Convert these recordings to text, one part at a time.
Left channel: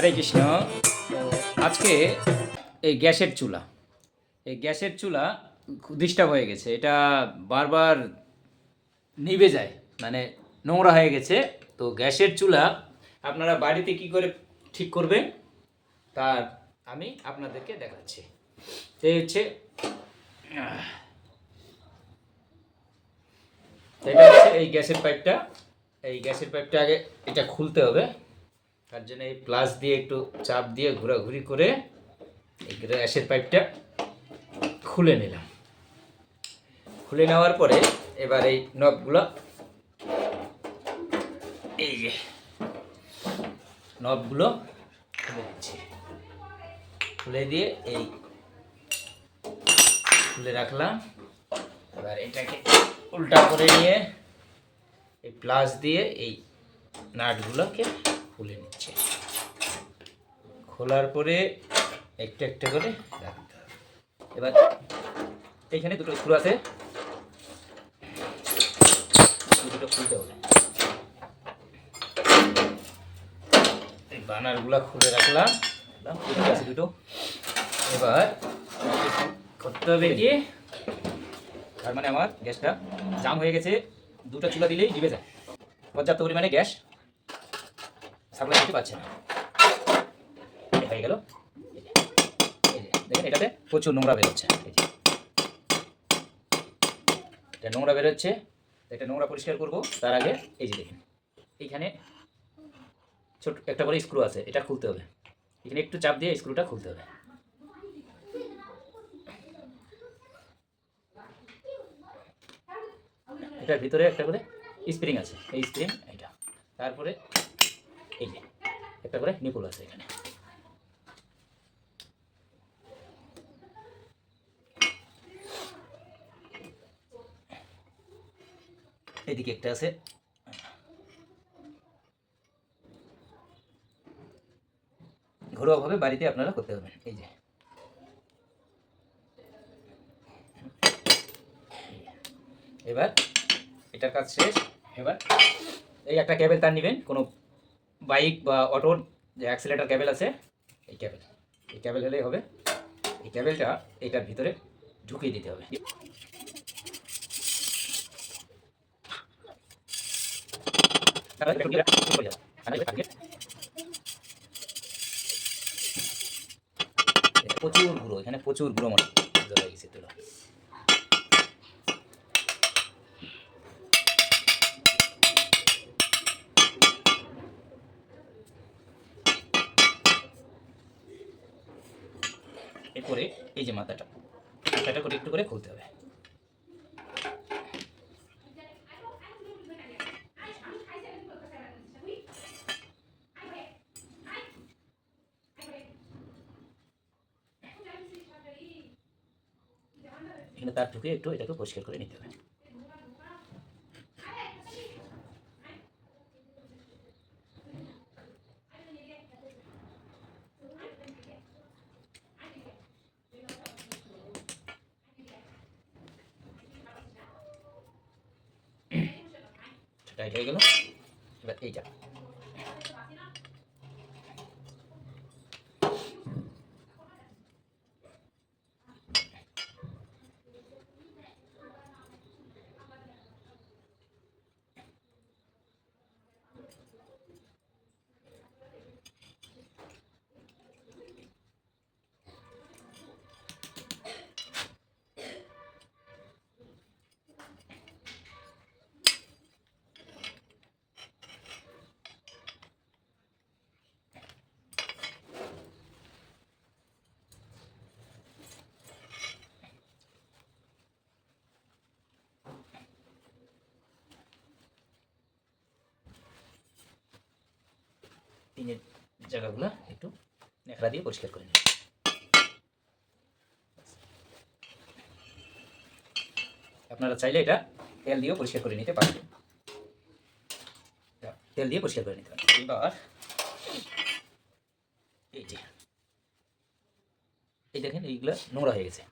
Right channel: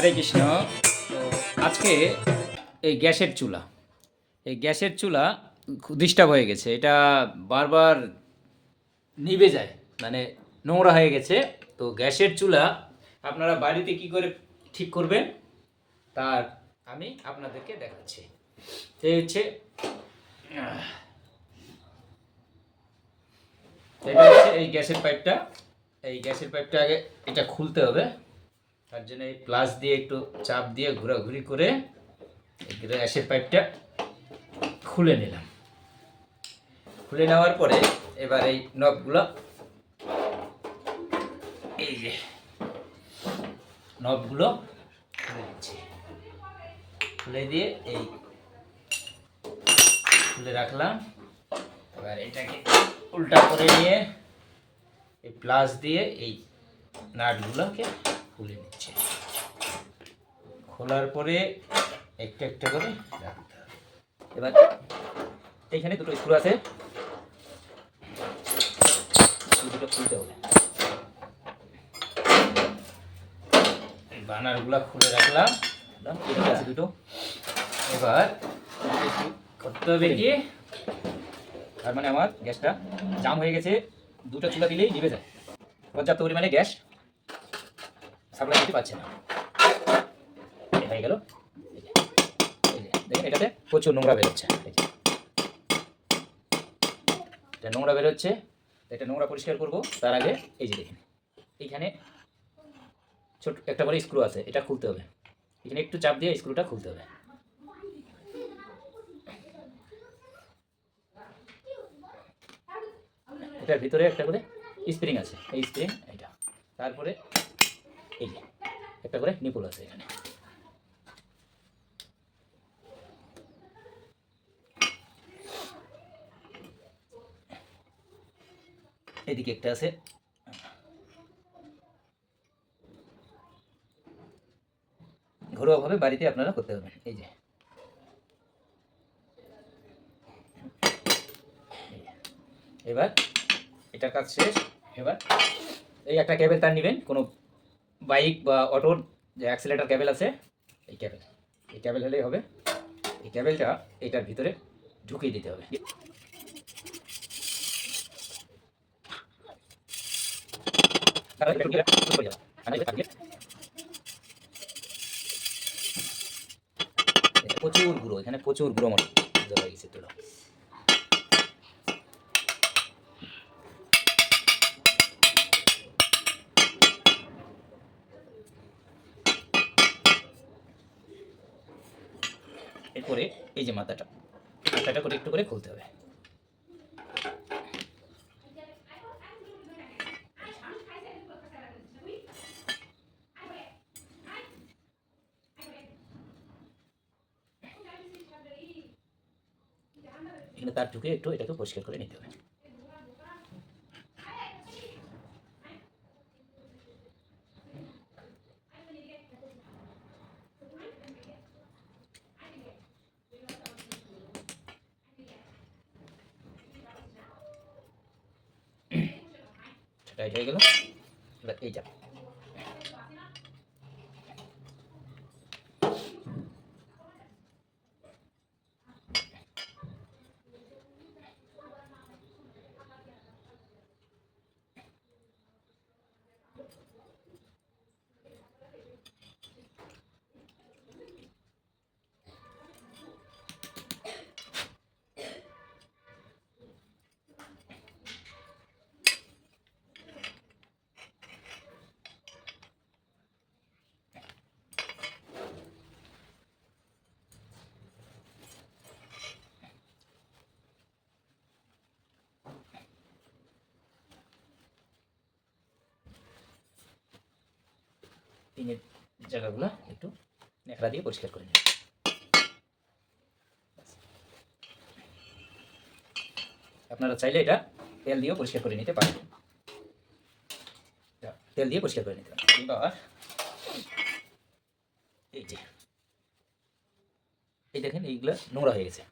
হরে কৃষ্ণ। আজকে এই গ্যাসের চুলা, এই গ্যাসের চুলা ডিস্টার্ব হয়ে গেছে। এটা বারবার নিভে যায় মানে নোংরা হয়ে গেছে। তো গ্যাসের চুলা আপনারা বাড়িতে কি করে ঠিক করবেন? তার আমি আপনাদেরকে দেখাচ্ছি। এই হচ্ছে এটা হচ্ছে এই গ্যাসের পাইপটা। এই গ্যাসের পাইপটা আগে এটা খুলতে হবে। তার জন্য এই প্লাস দিয়ে একটু চাপ দিয়ে ঘোরাঘুরি করে গ্যাসের পাইপটা খুলে নিলাম। খুলে নেওয়ার পরে এবার এই নবগুলো এই যে নবগুলো খুলে দিচ্ছি খুলে দিয়ে এই খুলে রাখলাম। এবার এটাকে উল্টা করে নিয়ে এই প্লাস দিয়ে এই নাটগুলোকে খুলে নিচ্ছে। খোলার পরে একটা একটা করে রাখতে হবে। এবার এখানে দুটো স্ক্রু আছে। দুটো খুলতে হবে। বানারগুলো খুলে রাখলাম। আছে দুটো। এবার করতে হবে দিয়ে, তার মানে আমার গ্যাসটা জাম হয়ে গেছে। দুটো চুলা দিলেই নিভে যায়। পর্যাপ্ত পরিমাণে গ্যাস সাপ্লাই দিতে পারছে না। হয়ে গেল। দেখেন, এটাতে প্রচুর নোংরা বেরোচ্ছে। এটা নোংরা বেরোচ্ছে, এটা নোংরা পরিষ্কার করব, তার আগে এই যে দেখেন, এইখানে ছোট একটা করে স্ক্রু আছে, এটা খুলতে হবে। এখানে একটু চাপ দিয়ে স্ক্রুটা খুলতে হবে। এটার ভিতরে একটা করে স্প্রিং আছে, এই স্প্রিং এটা তারপরে এই একটা করে নিপুল আছে এখানে। এদিকে একটা আছে। ঘরোয়াভাবে বাড়িতে আপনারা করতে পারবেন, এই যে। এবার, এটার কাজ শেষ। এবার, এই একটা ক্যাবেল তার নেবেন, কোনো বাইক বা অটোর যে অ্যাক্সিলেটার ক্যাবেল আছে, এই ক্যাবেল এই ক্যাবেল হলেই হবে। এই ক্যাবেলটা এটার ভিতরে ঢুকিয়ে দিতে হবে। প্রচুর গুঁড়ো, এখানে প্রচুর গুঁড়ো মতো এরপরে এই যে মাথাটা মাথাটা করে একটু করে খুলতে হবে। তার ঢুকে একটু এটাকে পরিষ্কার করে নিতে হবে টাইট হয়ে গেল এবার এইটা পিনের জায়গাগুলো একটু ন্যাকড়া দিয়ে পরিষ্কার করে নিন আপনারা চাইলে এটা তেল দিয়েও পরিষ্কার করে নিতে পারেন। তেল দিয়ে পরিষ্কার করে নিতে পারেন। এবার এই যে, এই দেখেন এইগুলো নোংরা হয়ে গেছে।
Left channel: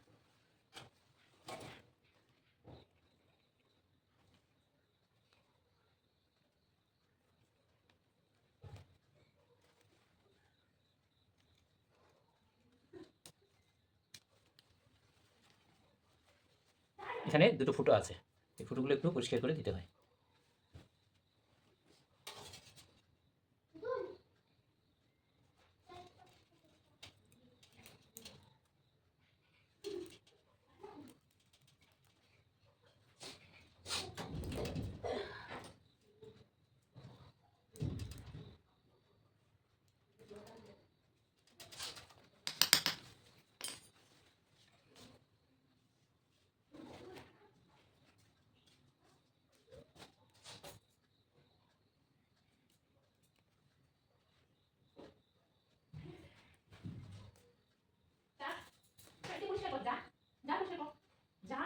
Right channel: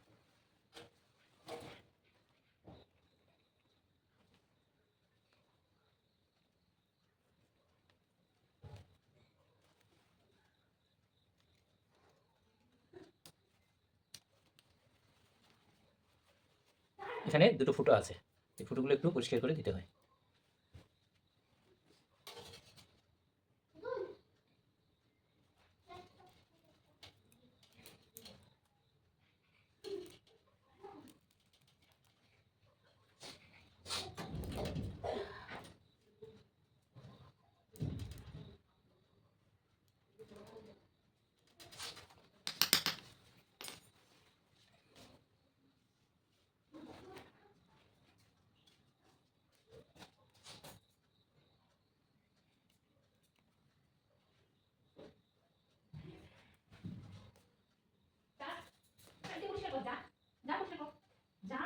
এখানে দুটো ফুটো আছে। এই ফুটোগুলো একটু পরিষ্কার করে দিতে হয় যা পরিষ্কার কর যা যা পরিষ্কার কর যা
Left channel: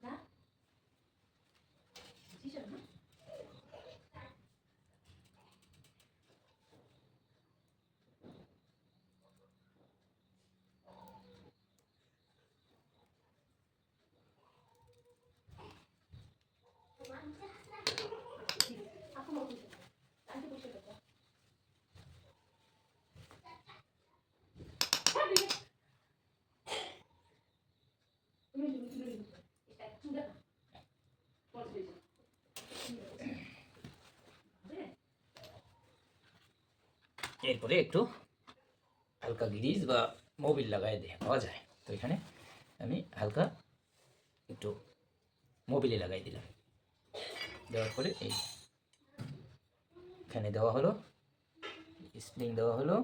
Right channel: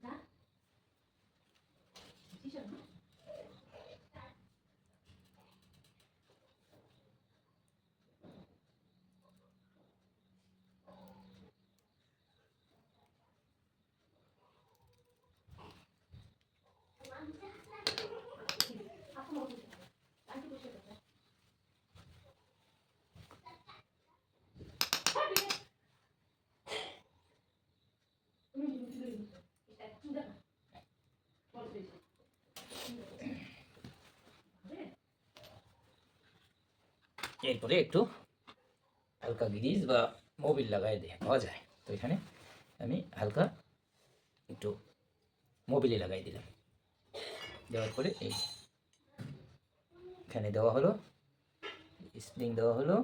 যা কিসের না আপু মত আন্টি পরিষ্কার কর যা এরপরে একটু হালকা গ্রিজ বা মোবিল লাগাই দিয়ে পাওয়া যায়। তো এখানে আমি হালকা একটু মোবিলে লাগাই দিলাম। দেওয়ার পরে এই এখানে দেওয়া হলো, স্প্রিং দেওয়া হলো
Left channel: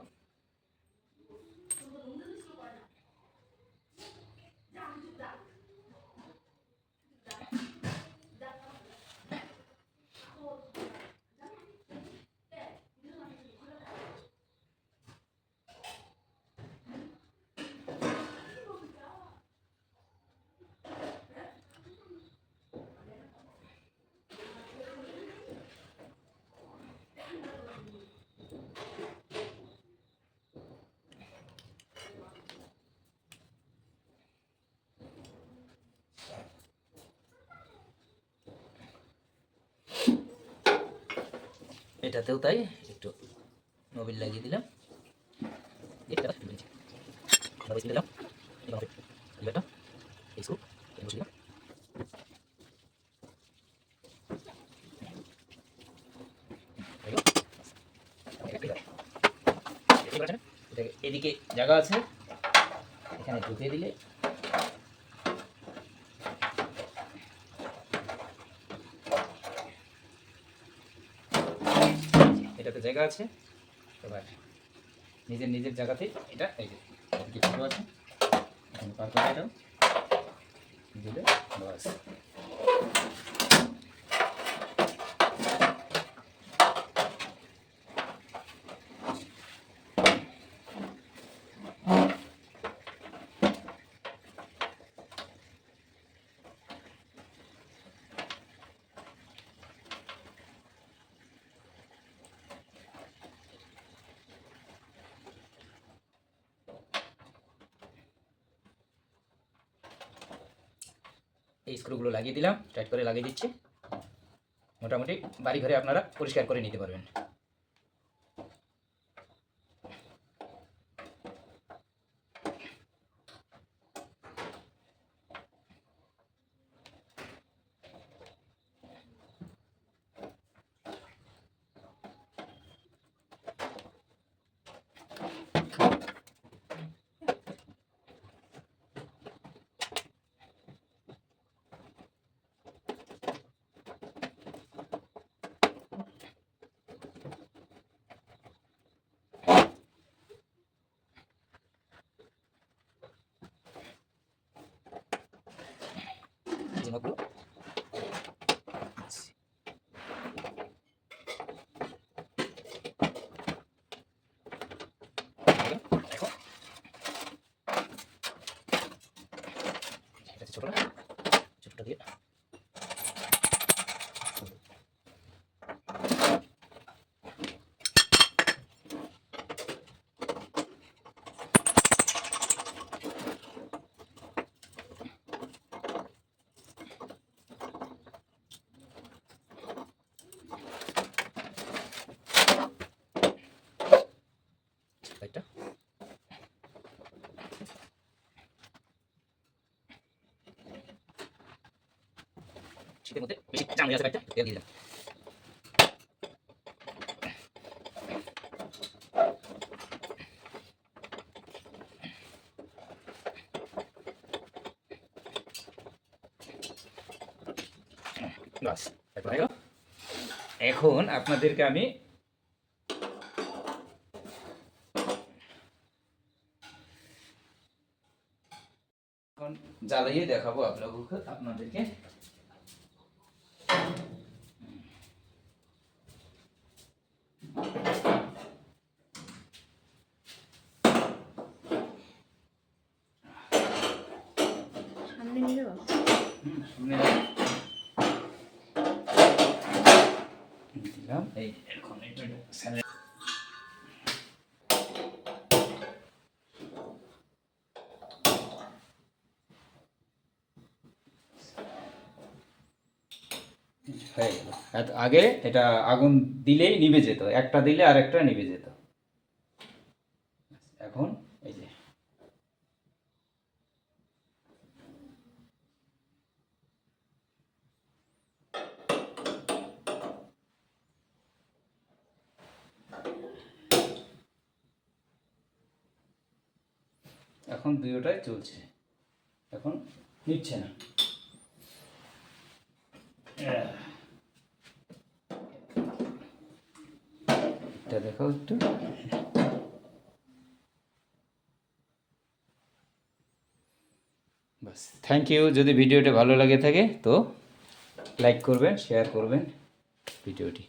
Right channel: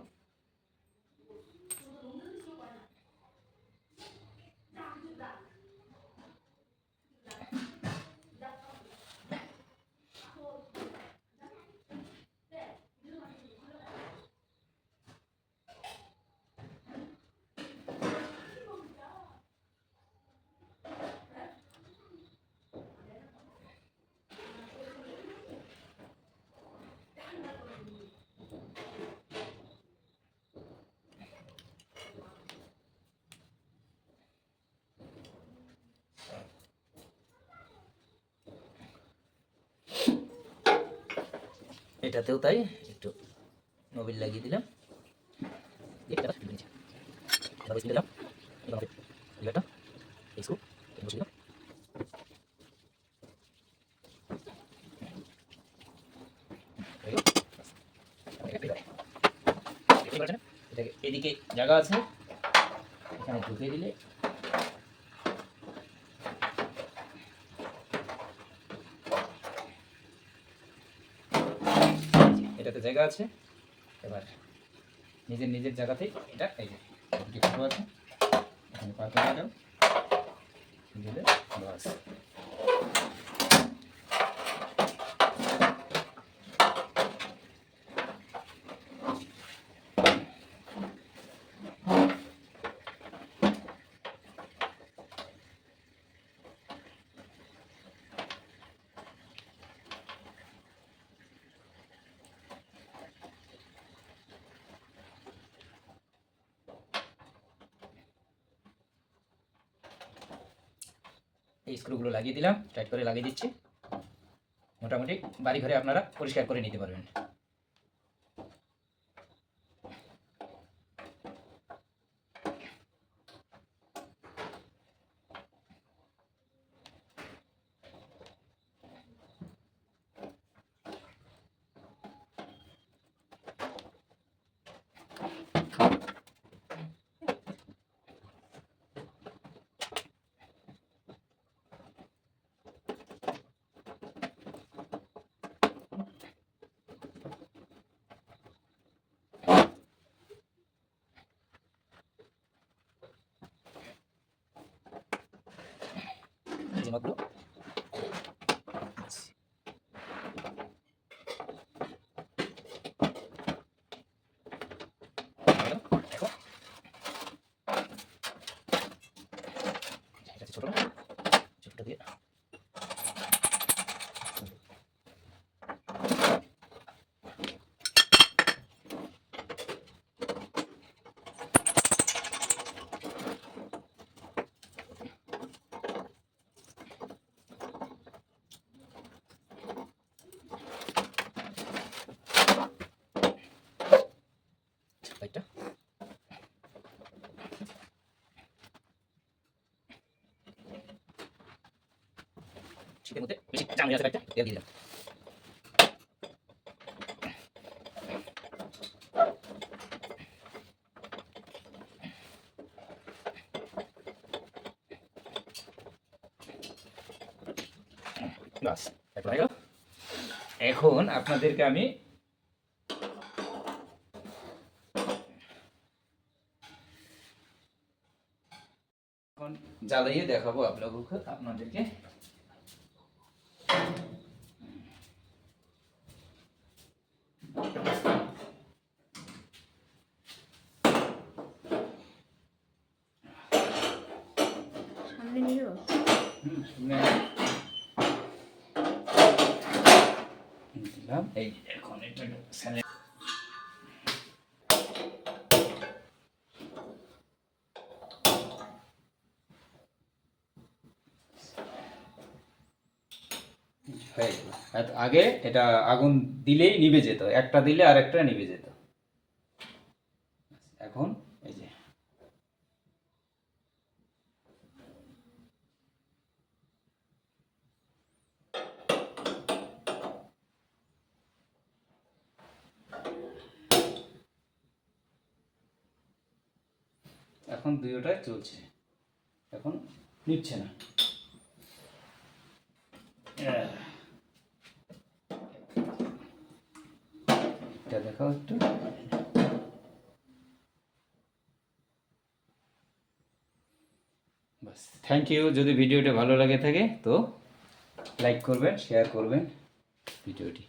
এটাতেও তাই একটু মোবিল লাগিয়ে দিলাম। এটা এদিকে জায়গা আছে এখানে ঢুকিয়ে দিলে এটাতে জায়গা আছে। এবার নিজের নিজের জায়গাতেই এটা এই যে দুটি আছে। এখানে পার করে দাও। দিলে বাস। এই স্ক্রুগুলো লাগিয়ে দিলাম টাইট করে লাগিয়ে দিচ্ছি। মোটামুটি বাড়ি ঘরে আপনারা পরিষ্কার করে নিতে পারবেন। otro. এখন আপনাদেরকে আমি এখন জ্বালিয়ে দেখাবো আপনাদেরকে আপনাদেরকে। নিয়ে আগে এটা আগুন দিলেই নিভে যেত একটা দিলে আর একটা নিভে যেত। এখন এই যে এখন দুটোটাই চলছে। এখন নিচ্ছে না। এটা দেখো একটু। বাস। থ্যাংক ইউ যদি ভিডিওটি ভালো লাগে থাকে তো লাইক করবেন শেয়ার করবেন ভিডিওটি।